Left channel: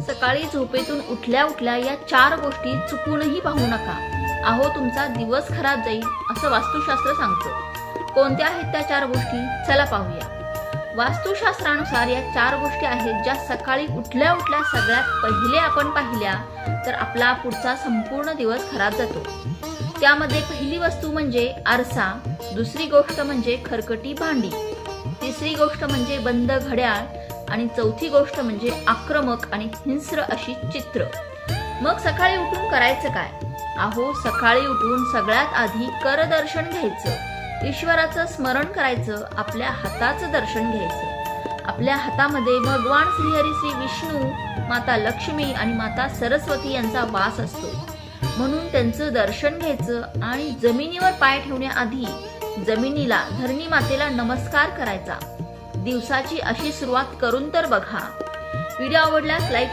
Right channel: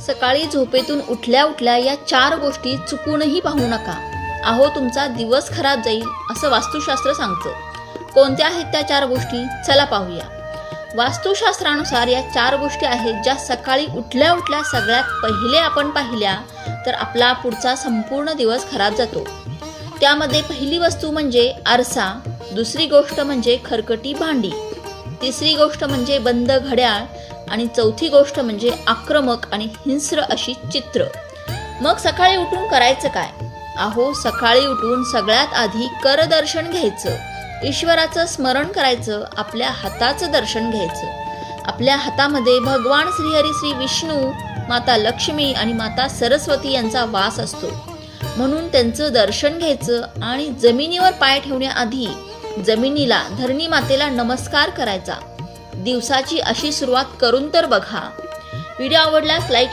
सकाळी झोपेतून उठल्या उठल्या या 4 गोष्टी चुकूनही पाहू नका. अहो, तुमचा दिवस खराब जाईल असं वास्तुशास्त्र सांगतं. कोणत्या आहेत त्या 4 गोष्टी? चला पाहूया. वास्तुशास्त्रानुसार या 4 गोष्टी आहेत ज्या सकाळी उठल्या उठल्या सगळ्यात पहिले आपण पाहिल्या तर आपला पुढचा संपूर्ण दिवस खराब जातो. त्यामध्ये पहिली वस्तू म्हणजे आरसा, दुसरी गोष्ट म्हणजे खरकटी भांडी, तिसरी गोष्ट म्हणजे बंद घड्याळ आणि चौथी गोष्ट म्हणजे आक्रमक आणि हिंस्र अशी चित्र. मग सकाळी उठून करायचं काय? अहो, सकाळी उठून सगळ्यात आधी करदर्शन घ्यायचं, ईश्वराचं स्मरण करायचं, आपल्या हाताचं दर्शन घ्यायचं. आपल्या हातामध्ये भगवान श्रीहरी श्री विष्णू, माता लक्ष्मी आणि माता सरस्वती यांचा वास असतो. म्हणून त्यांचं दर्शन घ्यायचं आणि जमिनीवर पाय ठेवण्याआधी जमिनीला, धरणी मातेला नमस्कार करायचा. दिवसाची अशी सुरुवात करून तर बघा. व्हिडिओ आवडल्यास लाईक